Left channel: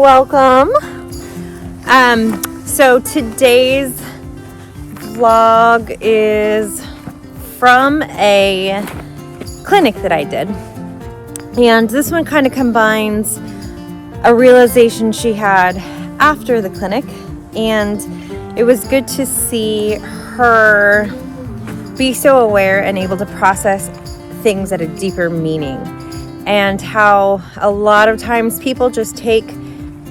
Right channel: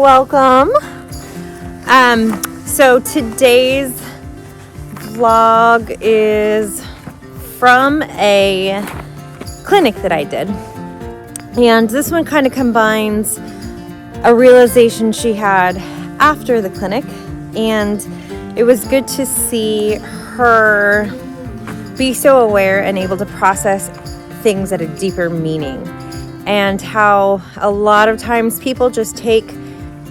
welcome. So today's vlog is from a clinic that I did, and this one kind of combines a realization she had after the clinic, and it was good to see her be so aware and able to process things at a deeper meaning, and how a lot of times people just take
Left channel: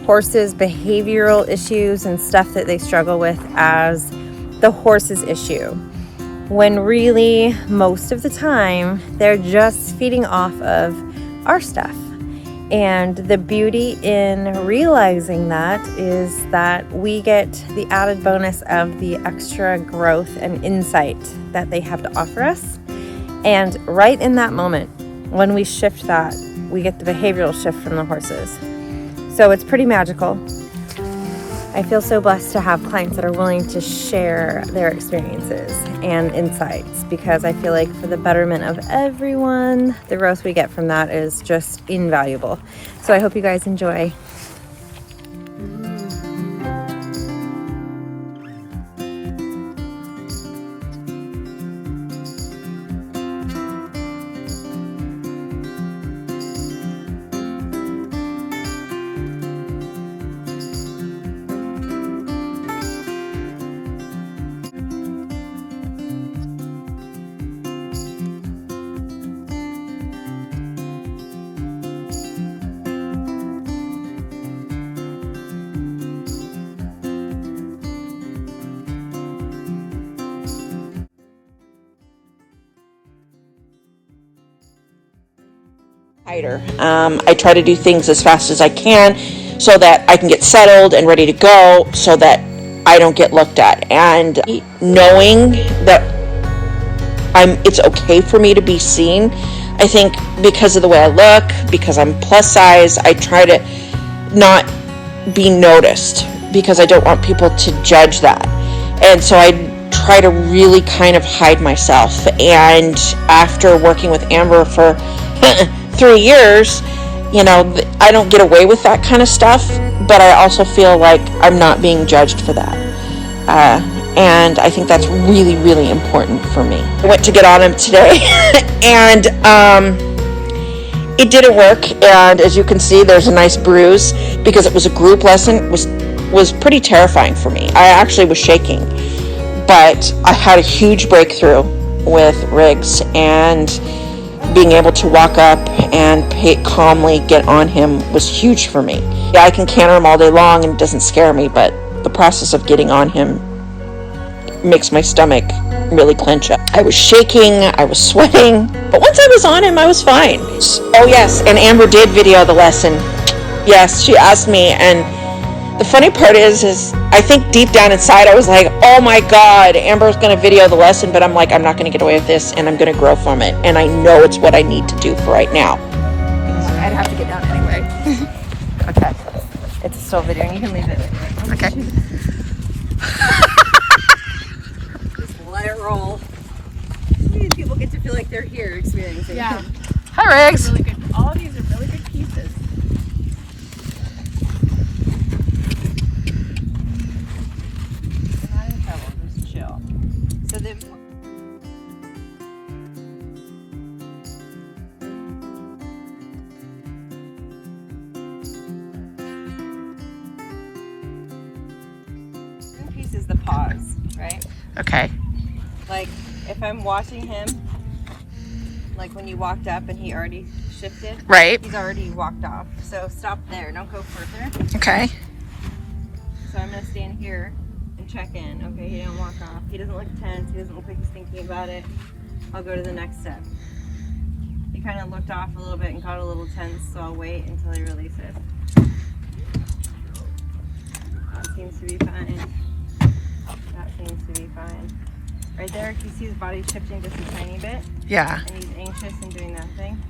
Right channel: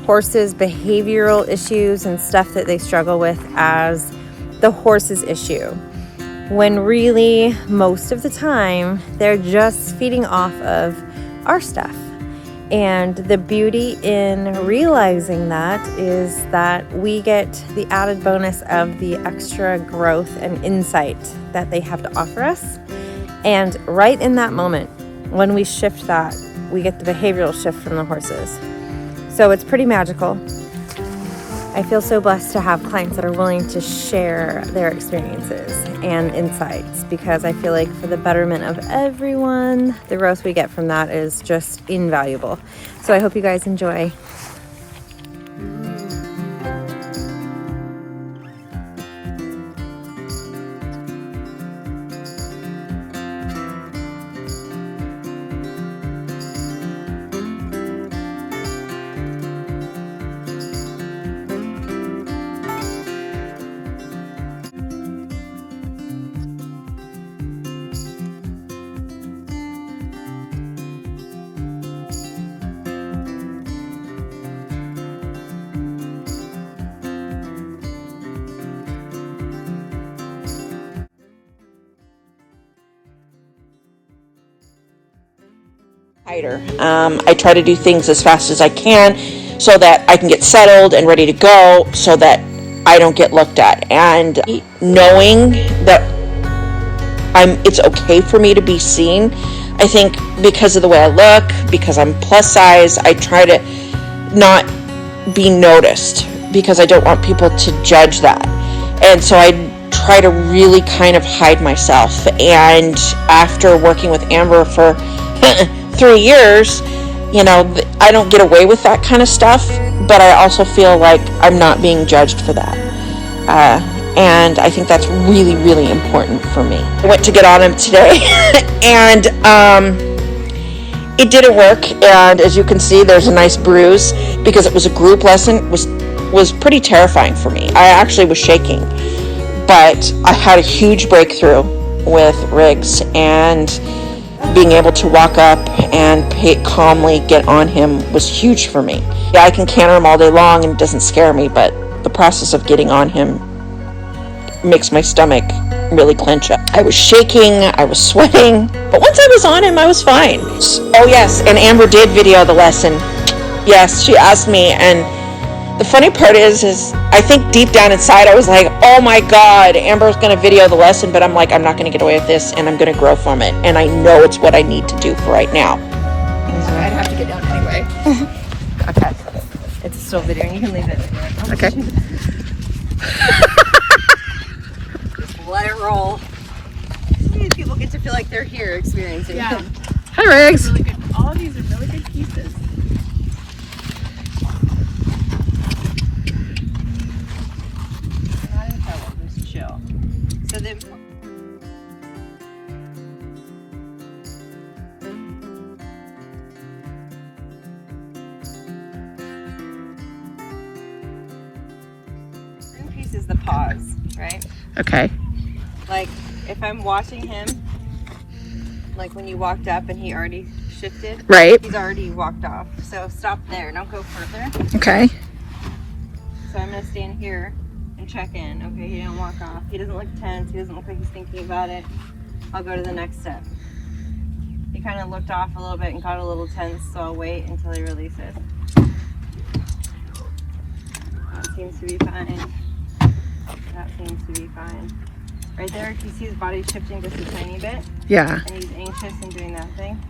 horses' behavioral issues and stuff that they struggle with as the horse's issue, when really most of the time they're just feeding off of our stuff. And the beauty in realizing that is that we get the added bonus of the extra growth and insight that they have to offer us. And right in that moment, when we shift that, we get the behavioral shift from the horses. So it's pretty magical. I feel so blessed to have clients that are willing to share their experiences and insights, because I feel like for the betterment of everyone, the growth we get from that is just invaluable. So I hope you guys enjoy. I try to do things as fast as I can so that I can get settled and ready to go, so that I don't get looked at. And knowing that it's okay for me to be seen, I think because of the way I look, because I'm plus size, I try to not be noticed because I don't want people to judge that. And so I try to really kind of hide myself. And after working with Amber for 3 years, you know, I don't get away with that kind of stuff, but I also feel like I'm not being judged for that. And I think that's really, really important for me. I went to get on him today and it didn't work. And as you can see, there's a nice bruise because it was a group lesson. It was pretty terrifying for me. I actually was shaking, but I had a huge breakthrough with Riggs, and being able to walk up and calmly get on him was huge for me. Yeah, I can canter him all day long and it doesn't scare me, but the process of getting on him makes my stomach really clench up. I was shaking, I was sweating, but once I was on him, I was fine. Oh yes, and Amber did video the lesson. Yes, she asked me, and the funny part is I think deep down inside I was like, oh my God, Amber's going to video the lesson, but I'm like, I'm not going to get away with this, and I'm going to grow from it. And I know it's what I need to do for right now. I'd have to get down anyway. Okay. It's a still video. You can leave it. Okay. Just let it roll. These people get to feel like they're here experiencing it. Yeah. Hi, Riggs. All these are really good pieces. Not in trouble, just chill. So the piece is the pause, right? Okay. Like if I'm watching him, like when you walked up and he already shifted, Right. he's already walked off. So stop there, don't go further. Okay. So I'm gonna stand here and check in. Okay, he didn't walk off. He doesn't look tense. He doesn't look like he's thinking about it. I'll go to the next step. He kind of looked off a little bit and got a little tense, so I'll wait until he releases. That seems to be fine. That seems to be fine. Right there, you see his body shifting just a tiny bit, Yeah. and he's anxious and doing nothing.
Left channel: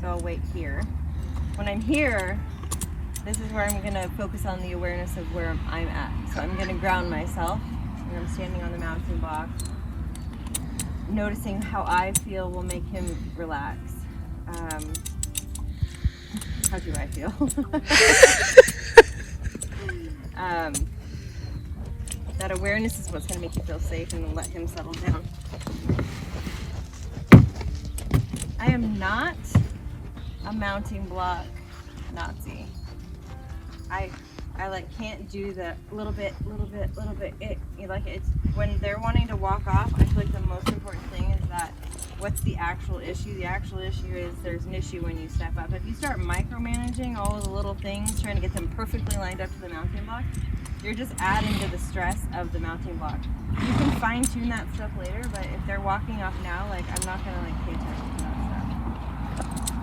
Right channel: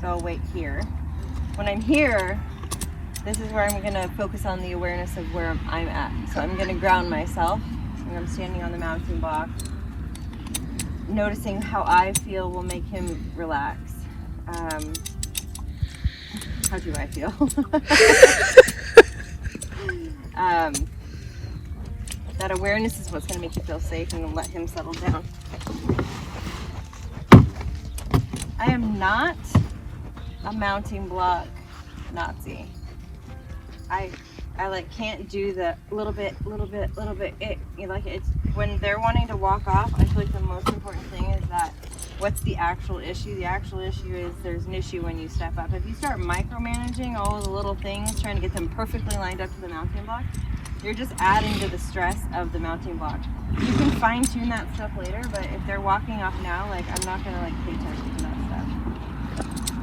So I'll wait here. When I'm here, this is where I'm gonna focus on the awareness of where I'm at. So I'm gonna ground myself, and I'm standing on the mounting block. Noticing how I feel will make him relax. How do I feel? that awareness is what's going to make you feel safe and let him settle down. I am not a mounting block Nazi. I like can't do the little bit. It's when they're wanting to walk off. I feel like the most important thing is that what's the actual issue? The actual issue is there's an issue when you step up. If you start micromanaging all of the little things, trying to get them perfectly lined up to the mounting block, you're just adding to the stress of the mounting block. You can fine tune that stuff later, but if they're walking off now, like I'm not gonna like pay attention to that stuff.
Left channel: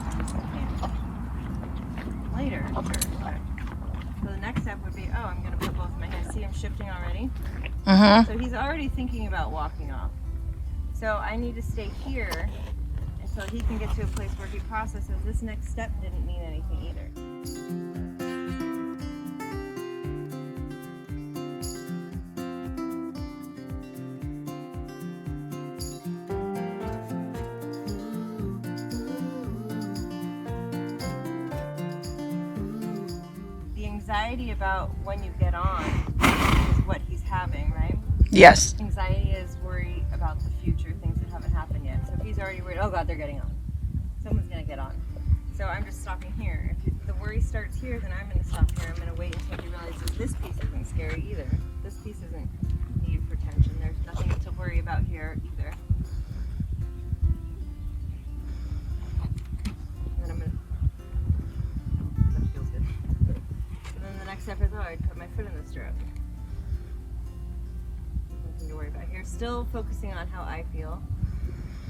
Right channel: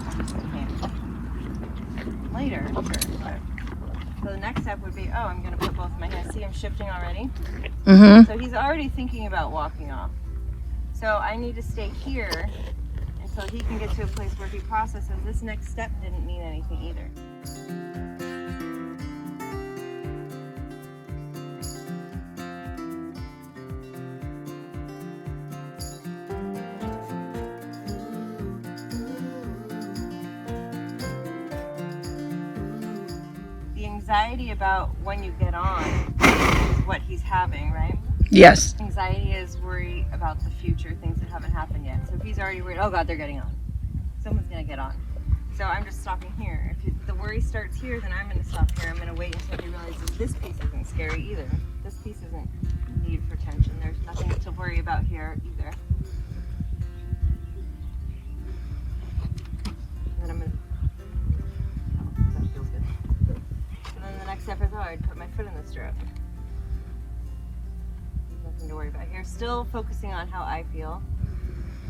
I just can't. Later, sure, but. So the next step would be, oh, I'm gonna put both of my hands. See him shifting already? Mm-hmm. So he's already thinking about walking off. So I need to stay here until he can get to a place where he processes this next step didn't mean anything either. The anxiety about when you get on is what he's having, right? Yes. Anxiety is worry about the future, things that haven't happened yet. So if he's already worried, oh God, they're getting on. Someone's gonna get on. So I'm just stopping here. If the worry starts here, then I'm gonna stop here. I'm gonna wait until he realizes this piece isn't scary either. This piece isn't need for tension. There's nothing to worry about here either. And then I'm gonna, oh, that feels good. And then the next step is, oh, I'd put my foot in the stirrup. To worry about here. Still focusing on how I feel.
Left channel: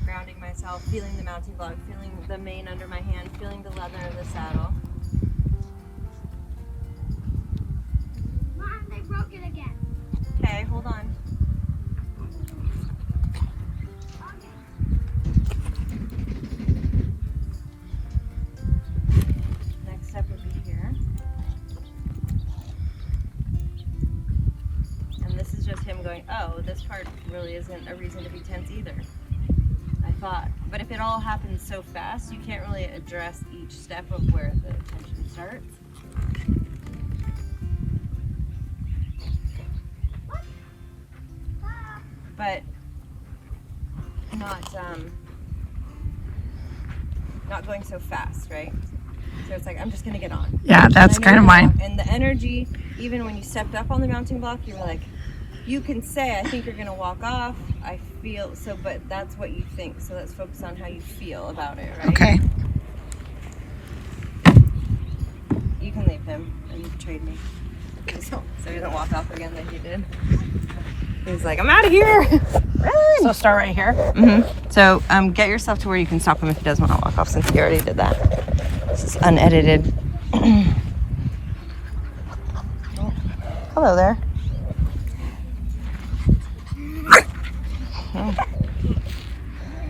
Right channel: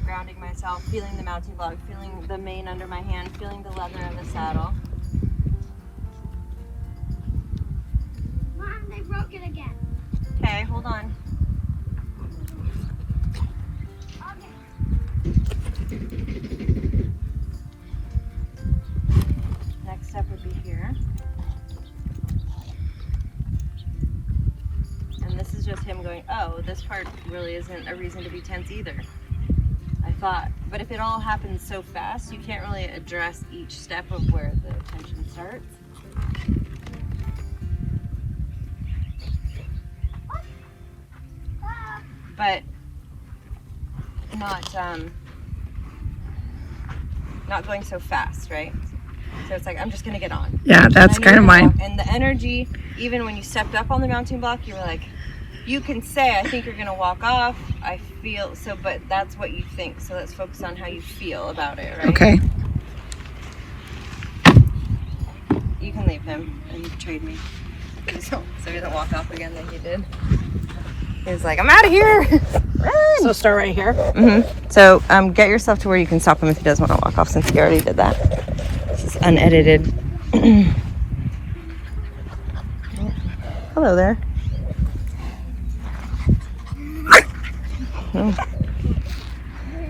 Grounding myself, feeling the mounting block, feeling the mane under my hand, feeling the leather of the saddle. Mom, they broke it again. Okay, hold on. Okay. Next step would be here. And this is just him going, oh, this part really isn't a reason to be tense either. I thought, but if it all happens so fast, you can't really address each step of where the tension starts. But not going so fast, right? So it's like, I'm just gonna get on. Yeah, that's kind of mine. And the energy, even when you stepped up on the mounting block, you were like, you can say, I think you're gonna walk off. I feel so, but that's what you think. So let's focus on how you feel about it, right? Okay. You can leave him and trade me. So he doesn't walk off again like he did. He's like, I'm out of here. So start right here. Mm-hmm. So get yourself to where you can stop him if he does want to walk off, since he already did that. This is unedited. Hello there. Oh.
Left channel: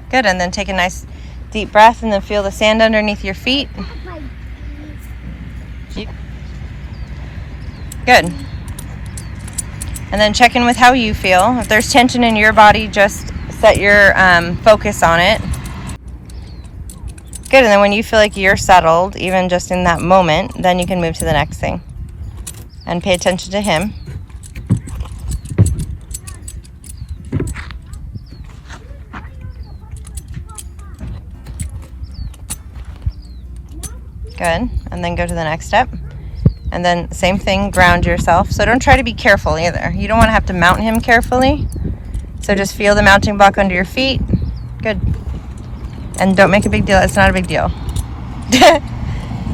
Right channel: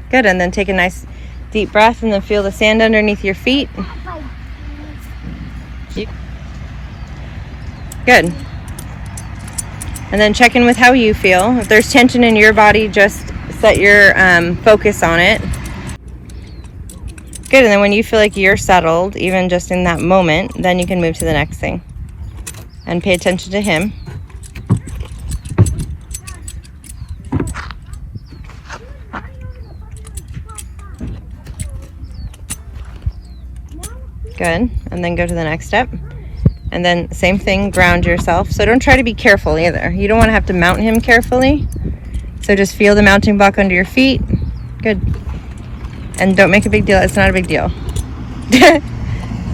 Good, and then take a nice deep breath and then feel the sand underneath your feet. Good. And then check in with how you feel. If there's tension in your body, just set your focus on it. Good, and then when you feel like you're settled, even just in that moment, then you can move to the next thing. And pay attention to him. Good, and then go to the next step. And then same thing, ground yourself. So don't try to be careful either. You don't want to have to mount him carefully. So just feel the mounting block under your feet. Good. And don't make a big deal. It's not a big deal.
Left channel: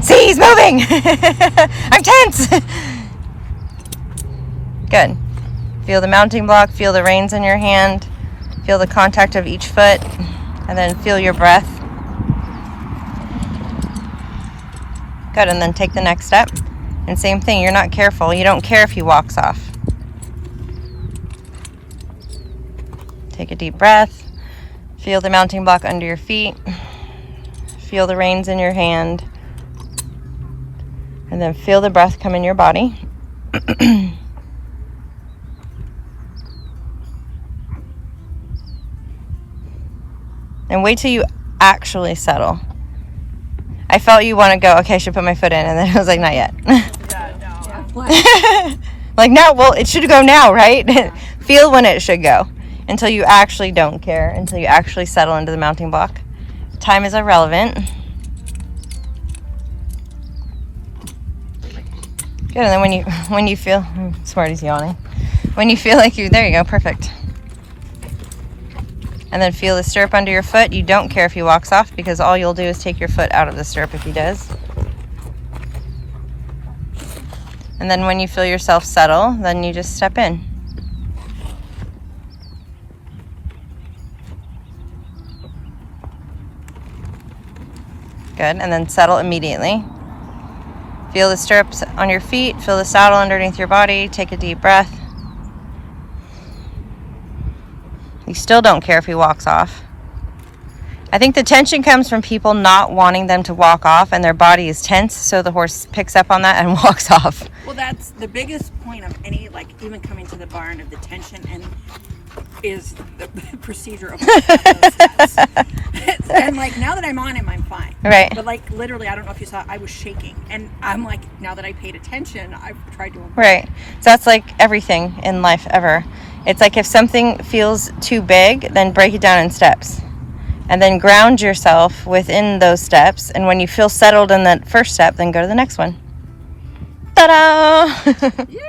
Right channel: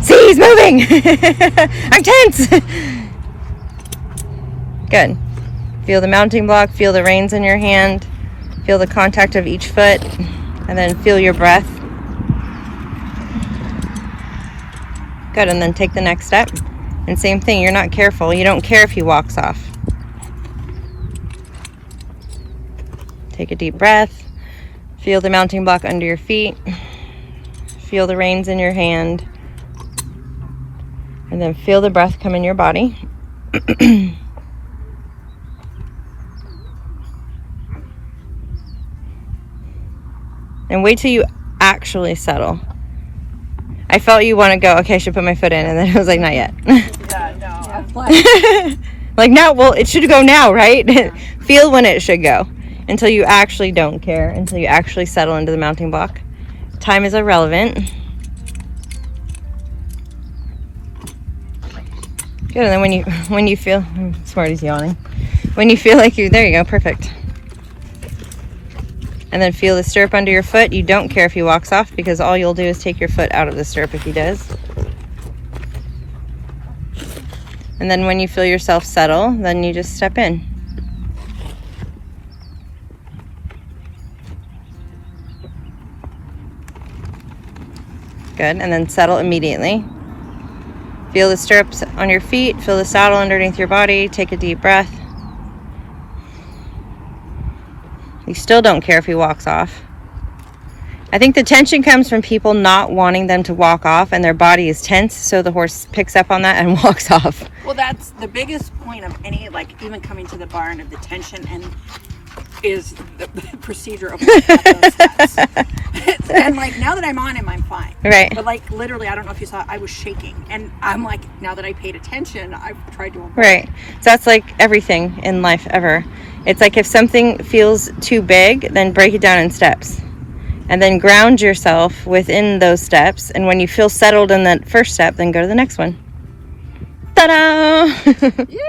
See, he's moving. I'm tense. Good. Feel the mounting block. Feel the reins in your hand. Feel the contact of each foot. And then feel your breath. Good. And then take the next step. And same thing. You're not careful. You don't care if he walks off. Take a deep breath. Feel the mounting block under your feet. Feel the reins in your hand. And then feel the breath come in your body. And wait till you actually settle. I felt you want to go, okay, I should put my foot in. And then I was like, not yet. Yeah, no, I'm like, Like now, well, it should go now, right? Feel when it should go until you actually don't care, until you actually settle into the mounting block. Time is irrelevant. Good, and then when you feel, Smarty's yawning. When you feel like there you go, perfect. And then feel the stirrup under your foot. You don't care if he walks off because all you'll do is take your foot out of the stirrup if he does. And then when you feel yourself settle, then you just step in. Good, and then settle immediately. Feel the stirrups on your feet, feel the saddle underneath your body, take a deep breath. You still don't care if he walks off. I think the tension comes from people not wanting them to walk off and their body is tense, so the horse picks up on that and walks off. Well, that's the biggest point of any, like, even coming to the barn of the tension and is the procedure of those steps. And like now that I'm on him, I'm fine. Right. But like literally, I don't know if you saw, I was shaking, and I'm like, now that I paid attention, I've tried to avoid. Right. So that's like everything in life ever. It's like if something feels too big, then break it down in steps. And then ground yourself within those steps. And when you feel settled in that first step, then go to the next one. Ta-da! Yeah.